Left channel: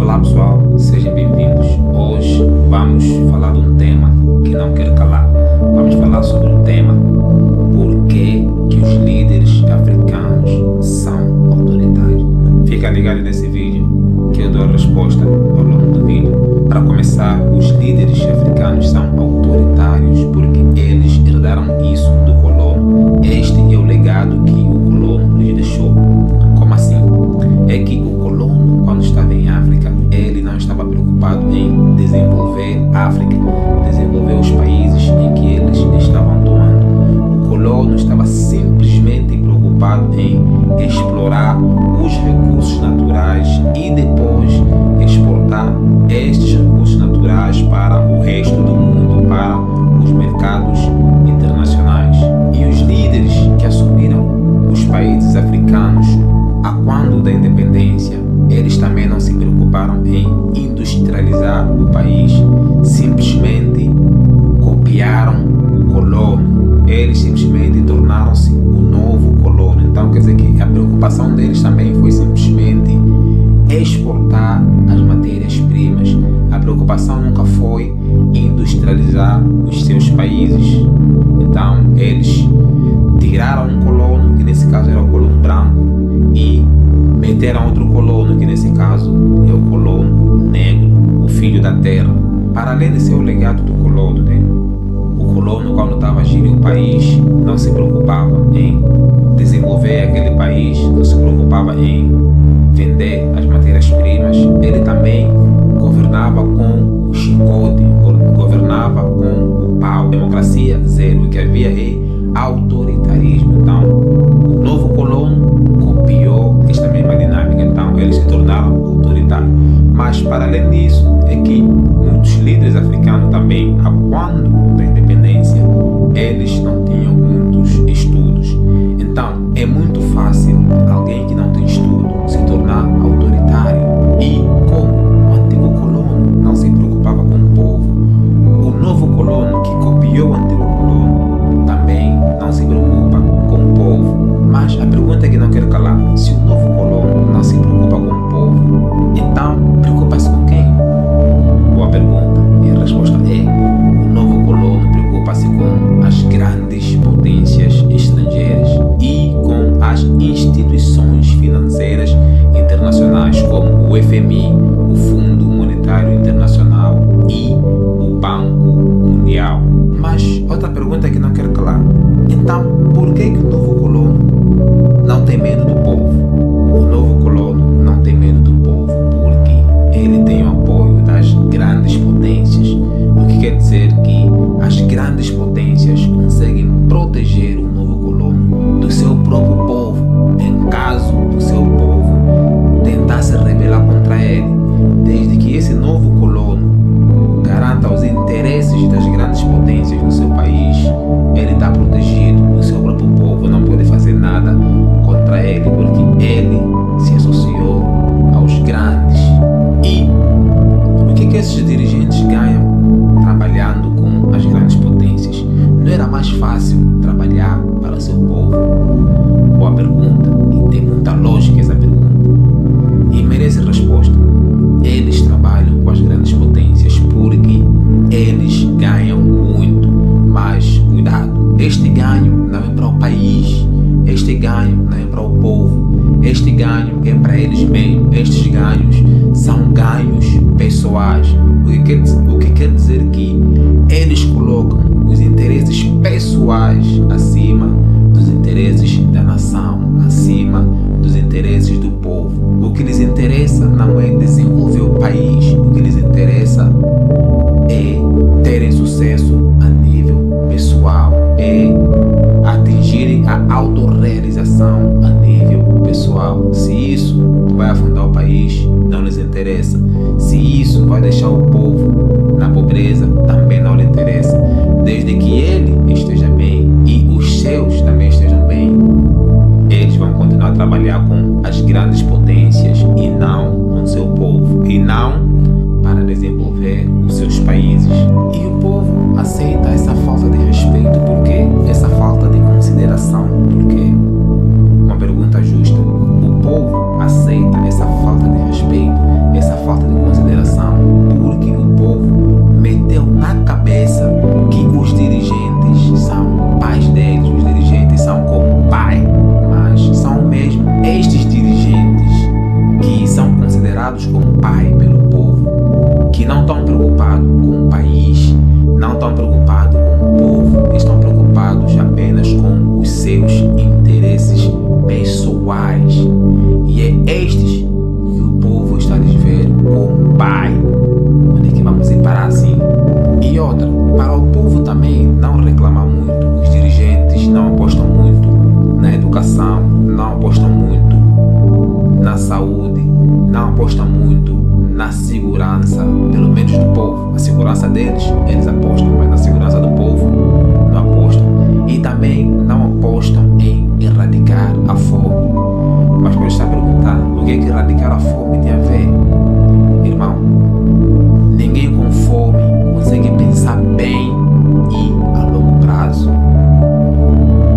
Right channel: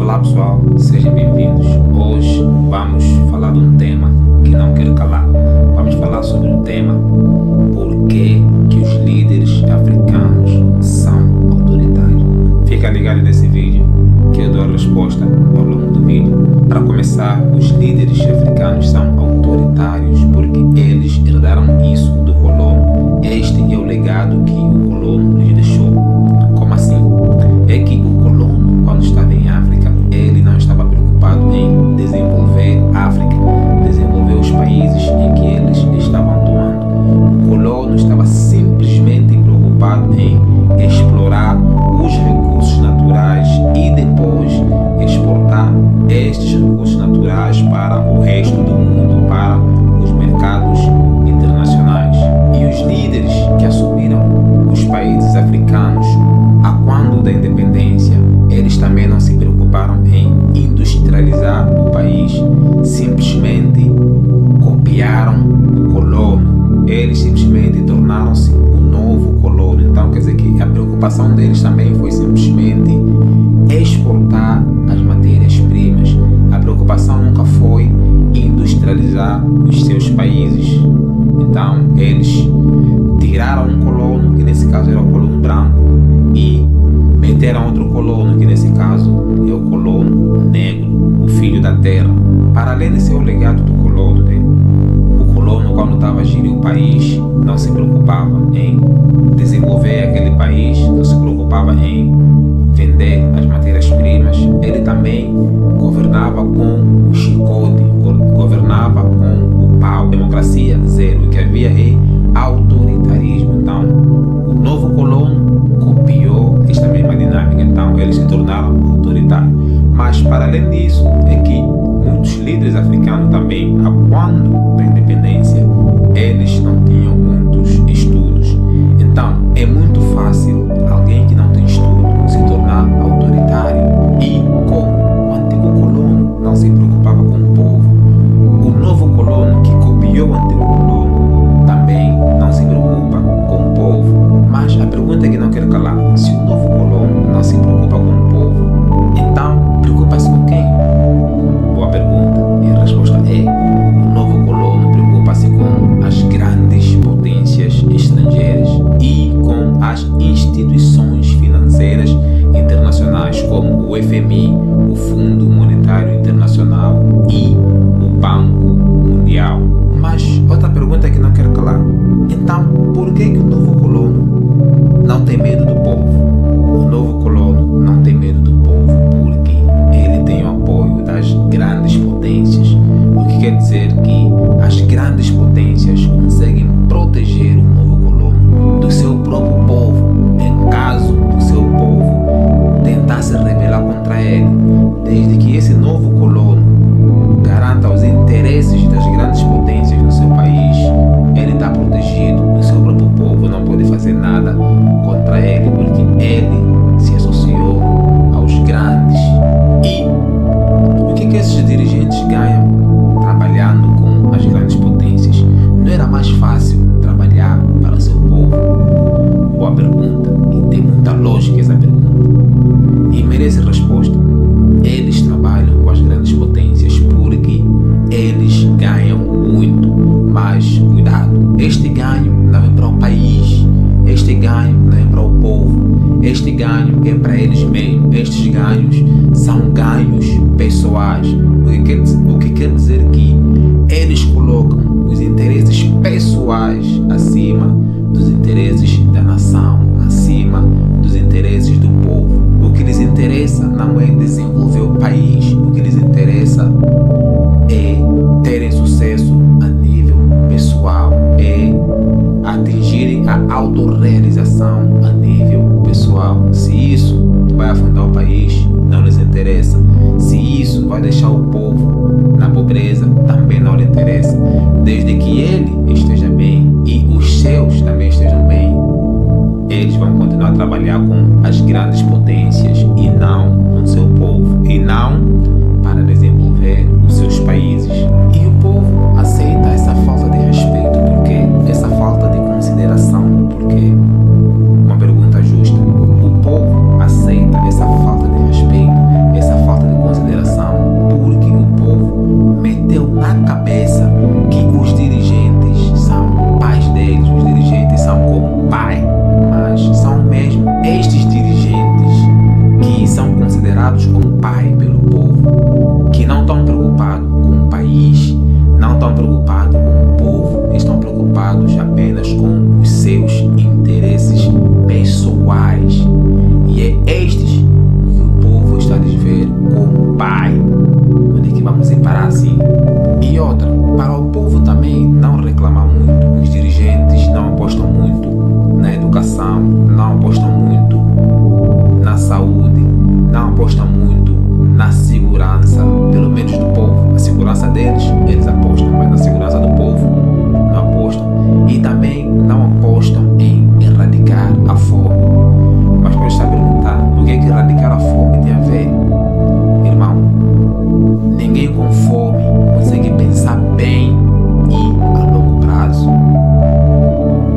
Olá pessoal, sejam bem-vindos. Hoje vamos falar de um tema que não quero calar. Vamos falar sobre o tema por que os líderes africanos são autoritários. Fica ligado nesse vídeo que eu dou a resposta ao longo do vídeo. Para começar, os líderes africanos são autoritários porque eles herdaram isso do colono. Este é o legado que o colono lhes deixou. Como assim? É que o colono, quando estava em África, ele não estava preocupado em desenvolver a África, desenvolver os países em que eles estavam atuando. O colono estava simplesmente preocupado em explorar os recursos naturais e depois exportar estes recursos naturais para o resto do mundo, para os mercados internacionais. E os líderes que assumiram os países africanos a quando da independência, eles também não se preocuparam em industrializar o país, simplesmente copiaram o colono, eles simplesmente tornaram-se o novo colono. Então quer dizer que a preocupação deles também foi simplesmente exportar as matérias-primas. A preocupação nunca foi industrializar os seus países. Então eles tiraram um colono, que nesse caso era o colono branco, e meteram outro colono, que nesse caso é o colono negro, o filho da terra. Para além de ser o legado do colono, né? O colono, quando estava a gerir o país, não se preocupava em desenvolver aquele país, não se preocupava em vender as matérias-primas. Ele também governava com o chicote, governava com o pau. Democracia zero. O que havia é autoritarismo. Então, o novo colono copiou esta mesma dinâmica. Então, eles se tornaram autoritários. Mas, para além disso, é que muitos líderes africanos também, a quando da independência, eles não tinham muitos estudos. Então, é muito fácil alguém que não tem estudo se tornar autoritário. E como o antigo colono não se preocupava com o povo, o novo colono que copiou o antigo colono também não se preocupa com o povo. Mas a pergunta que não quero calar: se o novo colono não se preocupa com o povo, então preocupa-se com quem? Boa pergunta. E a resposta é: o novo colono preocupa-se com as grandes potências estrangeiras e com as instituições financeiras internacionais, como o FMI, o Fundo Monetário Internacional e o Banco Mundial. Mas outra pergunta que não quero calar: então por que o novo colono não tem medo do povo? O novo colono não tem medo do povo porque ele tem o apoio das grandes potências. O que quer dizer que as grandes potências conseguem proteger o novo colono do seu próprio povo, em caso do seu povo tentar se rebelar contra ele. Desde que esse novo colono garanta os interesses das grandes potências no seu país, ele está protegido. O seu próprio povo não pode fazer nada contra ele, porque ele se associou aos grandes. E o que esses dirigentes ganham trabalhando com as grandes potências? Não era mais fácil trabalhar para o seu povo? Boa pergunta, e tem muita lógica essa pergunta, e merece resposta. Eles trabalham com as grandes potências porque eles ganham muito. Mas cuidado, este ganho não é para o país, este ganho não é para o povo, este ganho é para eles mesmos. Estes ganhos são ganhos pessoais. O que quer dizer que eles colocam os interesses pessoais acima dos interesses da nação, acima dos interesses do povo. O que lhes interessa não é desenvolver o país, o que lhes interessa é terem sucesso a nível pessoal, é atingirem a autorrealização a nível pessoal. Se isso vai afundar o país, não lhes interessa. Se isso vai deixar o povo na pobreza, também não lhe interessa. Desde que ele esteja bem e os seus também estejam bem, eles vão continuar a trabalhar com as grandes potências e não com seu povo, e não para desenvolver os seus países. E o povo aceita essa falta de respeito, porque essa falta de consideração, porque uma pergunta justa: o povo aceita essa falta de respeito, essa falta de preocupados com o pai pelo povo, que não estão preocupados com o país, não estão preocupados com o povo, estão preocupados apenas com os seus interesses pessoais. E é estes que o povo está a desver como pai. Onde é que vamos ir parar assim? E outra, para o povo também não reclamar muito. Os dirigentes não apostam muito na educação, não apostam muito na saúde, não apostam muito na segurança, pelo menos do povo. A segurança deles, eles apostam, mas na segurança do povo não apostam. E também não apostam em erradicar a fome. Mas pode estar a perguntar, o que é que erradicar a fome tem a ver? Irmão, ninguém com fome consegue pensar bem e a longo prazo.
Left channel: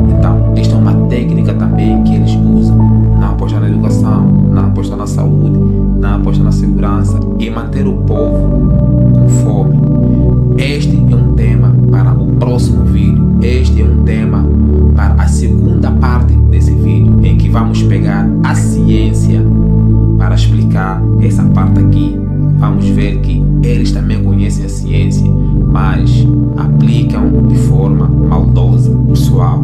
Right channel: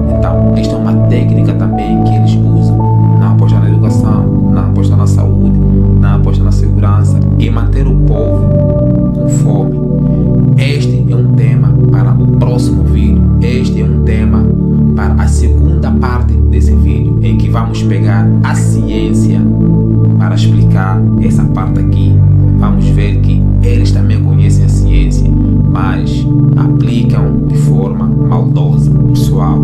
Então, esta é uma técnica também que eles usam. Não apostar na educação, não apostar na saúde, não apostar na segurança e manter o povo com fome. Este é um tema para o próximo vídeo. Este é um tema para a segunda parte desse vídeo, em que vamos pegar a ciência para explicar essa parte aqui. Vamos ver que eles também conhecem a ciência, mas aplicam de forma maldosa. Pessoal,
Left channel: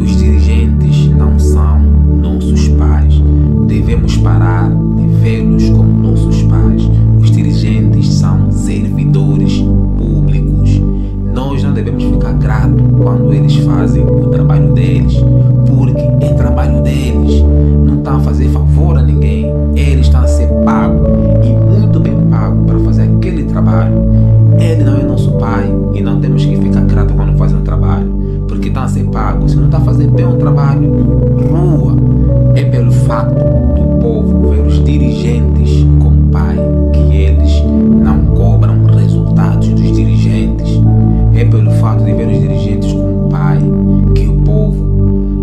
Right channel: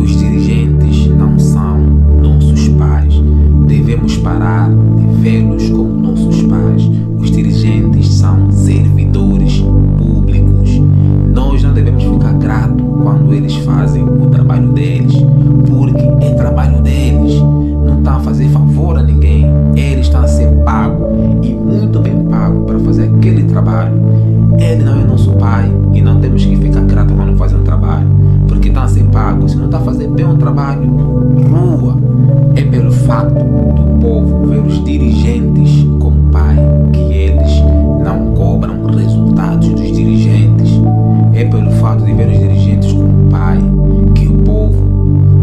os dirigentes não são nossos pais. Devemos parar de vê-los como nossos pais. Os dirigentes são servidores públicos. Nós não devemos ficar gratos quando eles fazem o trabalho deles, porque é trabalho deles. Não estão a fazer favor a ninguém. Eles estão a ser pagos, e muito bem pagos, para fazer aquele trabalho. Ele não é nosso pai e não temos que ficar gratos quando fazem um trabalho, porque estão a ser pagos. Se não está a fazer bem um trabalho, rua. É pelo fato do povo ver os dirigentes como pai que eles não cobram resultados dos dirigentes. É pelo fato de ver os dirigentes como pai que o povo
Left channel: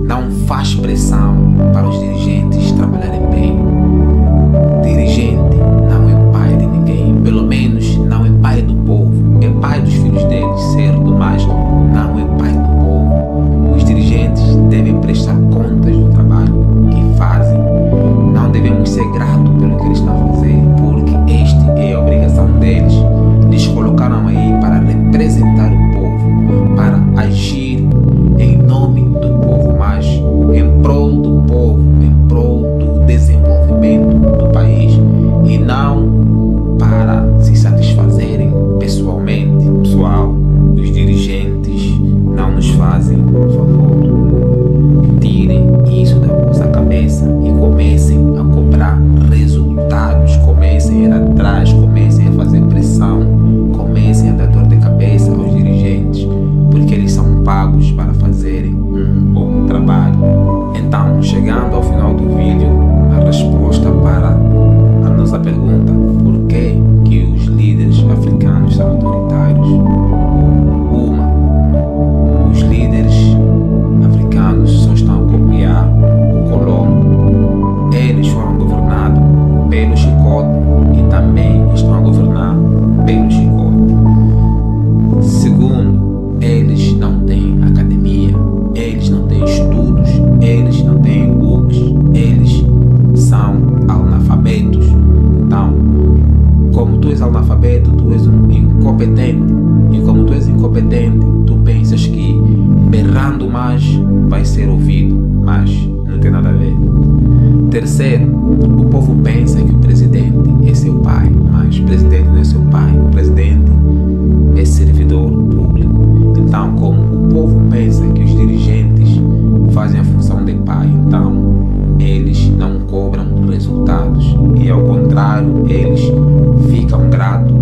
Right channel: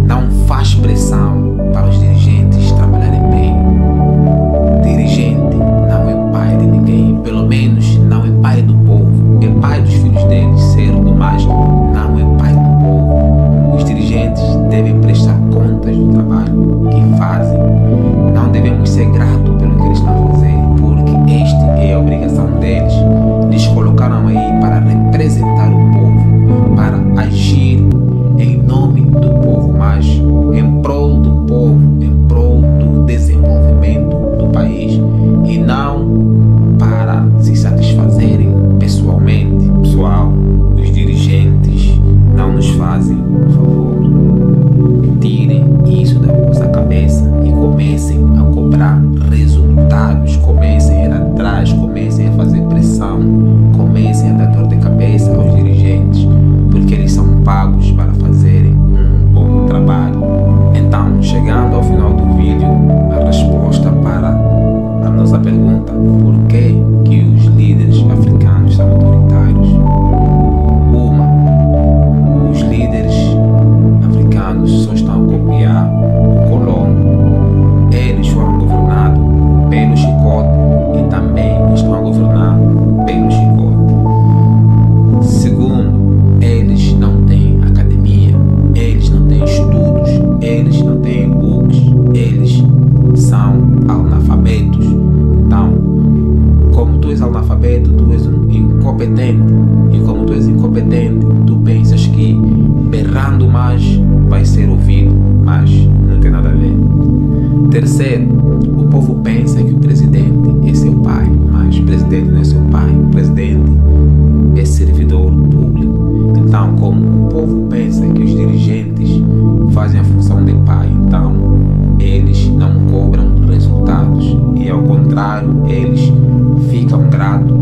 não faz pressão para os dirigentes trabalharem bem. Dirigente não é pai de ninguém, pelo menos não é pai do povo. É pai dos filhos deles, certo, mas não é pai do povo. Os dirigentes devem prestar contas do trabalho que fazem. Não devemos ser gratos pelo que eles estão a fazer, porque esta é a obrigação deles. Eles colocaram aí para representar o povo, para agir em nome do povo, mas em prol do povo, em prol do desenvolvimento do país, e não para se satisfazerem pessoalmente. Pessoal, os dirigentes não nos fazem favor. Tirem isso da vossa cabeça e comecem a cobrar resultados. Comecem a ir atrás, comecem a fazer pressão, comecem a dar dor de cabeça aos dirigentes, porque eles são pagos para fazerem um bom trabalho. Então, chegando ao final do vídeo, a resposta para a nossa pergunta: por que os líderes africanos são autoritários? Os líderes africanos só estão a copiar o colono. Eles foram governados pelo chicote e também estão a governar pelo chicote. Segundo, eles não têm academia, eles não têm estudos, eles não têm books, eles são analfabetos. Então, como tu és analfabeto, tu és um incompetente. E como tu és incompetente, tu pensas que berrando mais vai ser ouvido, mas não tem nada a ver. Terceiro, o povo pensa que o presidente é seu pai, mas o presidente não é seu pai. O presidente é servidor público. Então, como o povo pensa que os dirigentes fazem a função de pai, então eles não cobram resultados, e ao contrário, eles ficam gratos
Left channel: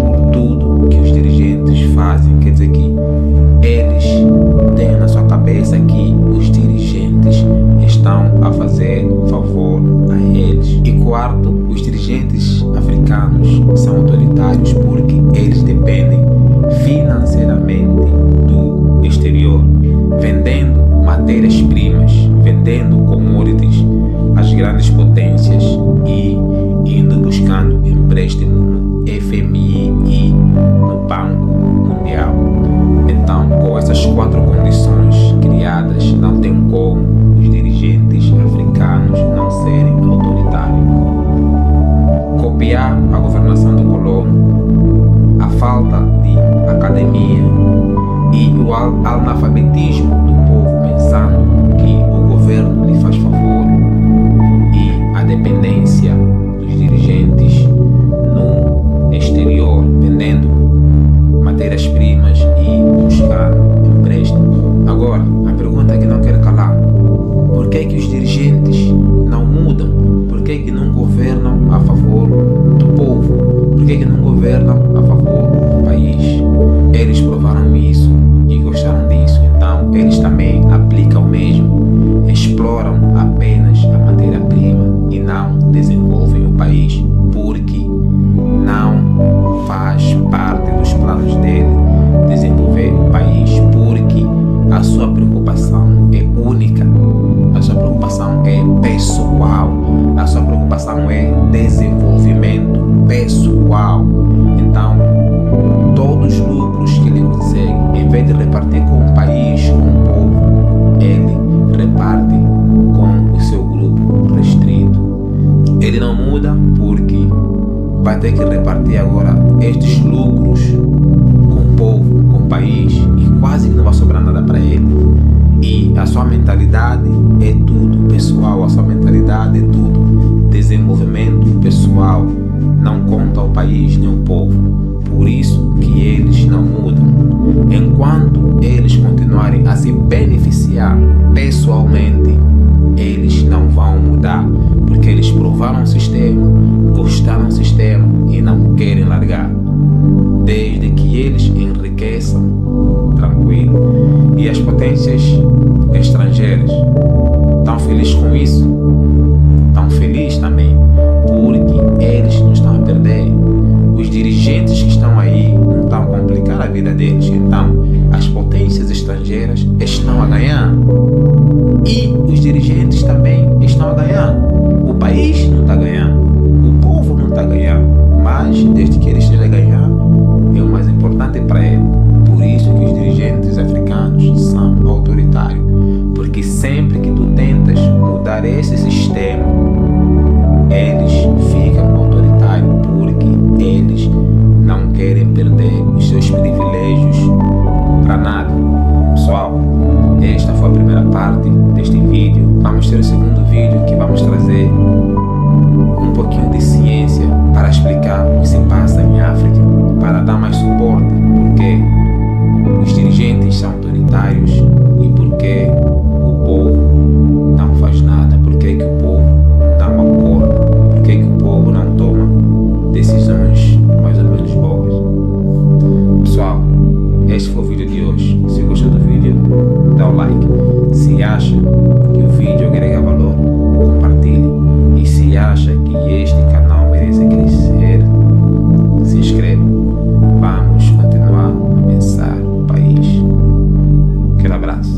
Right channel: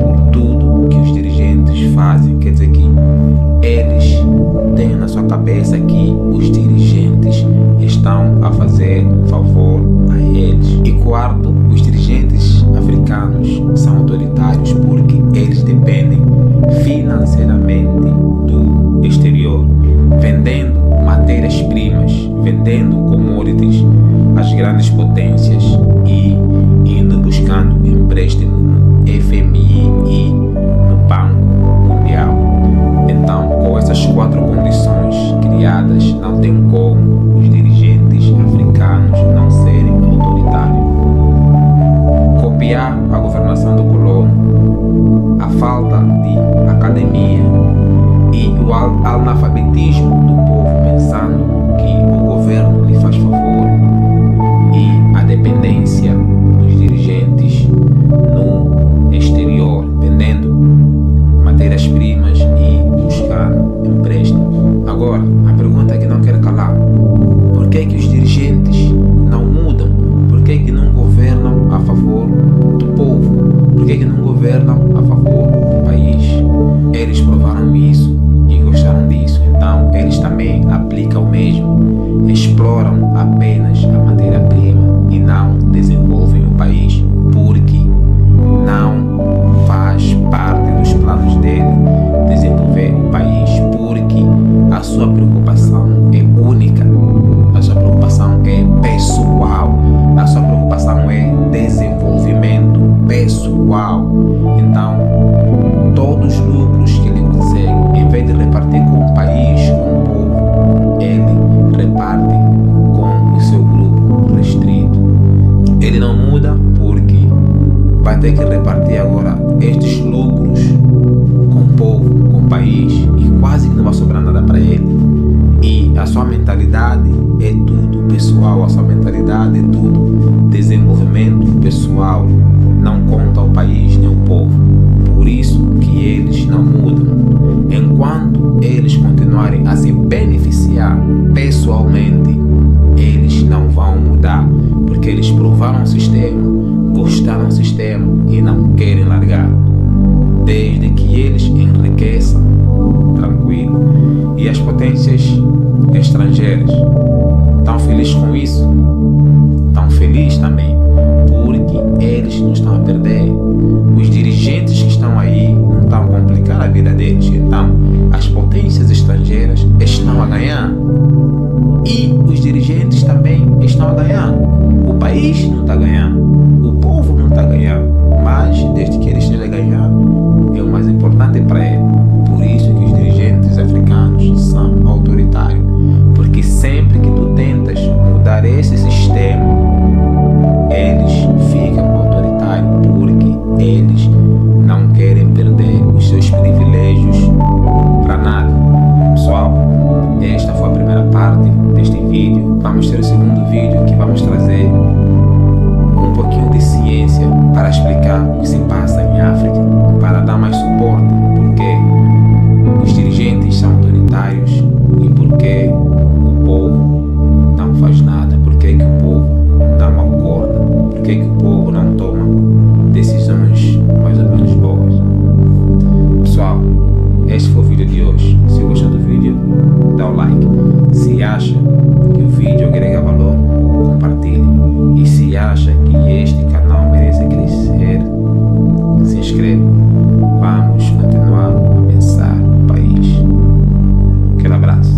por tudo que os dirigentes fazem. Quer dizer que eles têm na sua cabeça que os dirigentes estão a fazer favor a eles. E quarto, os dirigentes africanos são autoritários porque eles dependem financeiramente do exterior, vendendo matérias-primas, vendendo commodities às grandes potências e indo buscando empréstimo no FMI e no Banco Mundial. Então, com essas quatro condições criadas, não tem como os dirigentes africanos não serem autoritários. copiar a governação do colono, a falta de academia e o analfabetismo do povo pensando que o governo lhe faz favor e a dependência dos dirigentes no exterior, vendendo matérias-primas e buscando empréstimo. Agora, a pergunta que não quero calar: por que os dirigentes não mudam? Por que não governam a favor do povo? Por que não governam a favor do país? Eles provaram isso e gostaram disso, então eles também aplicam o mesmo. Exploram apenas a matéria-prima e não desenvolvem o país, porque não faz parte dos planos dele desenvolver o país, porque a sua preocupação é única, a sua preocupação é pessoal, a sua preocupação é desenvolvimento pessoal. Então, todos os lucros que ele consegue, em vez de repartir com o país, com o povo, ele reparte com o seu grupo restrito. Ele não muda porque vai ter que repartir agora estes lucros com o povo, com o país, e quase que não vai sobrar nada para ele. E a sua mentalidade é tudo pessoal, a sua mentalidade é tudo desenvolvimento pessoal, não conta ao país nem ao povo. Por isso que eles não mudam. Enquanto eles continuarem a se beneficiar pessoalmente, eles não vão mudar, porque eles provaram o sistema, gostaram do sistema e não querem largar. Desde que eles enriqueçam, tranquilo. E as potências estrangeiras estão felizes com isso? Estão felizes também, porque eles não estão a perder. Os dirigentes que estão aí não estão a complicar a vida deles. Então, as potências estrangeiras estão a ganhar. E os dirigentes também estão a ganhar. O país não está a ganhar. O povo não está a ganhar. Mas, desde que ele esteja a ganhar, é o mais importante para ele. Por isso que os dirigentes africanos são autoritários. Porque sempre que tu tentas mudar esse sistema, eles ficam autoritários, porque eles não querem perder os seus privilégios para nada. Pessoal, esta foi a primeira parte deste vídeo. Vamos ter o segundo vídeo, que vamos trazer um pouquinho de ciência para explicar o que se passa em África, para dar mais suporte, porque os dirigentes são autoritários e porque o povo não faz nada, porque que o povo não acorda, porque que o povo não toma decisões mais ou menos boas. Pessoal, este foi o vídeo de hoje. Se gostou do vídeo, dá o like. Se acha que o vídeo agrega valor, compartilhe. E se acha que este canal merece crescer, se inscreva. Vamos continuar a pensar o país. Aquele abraço.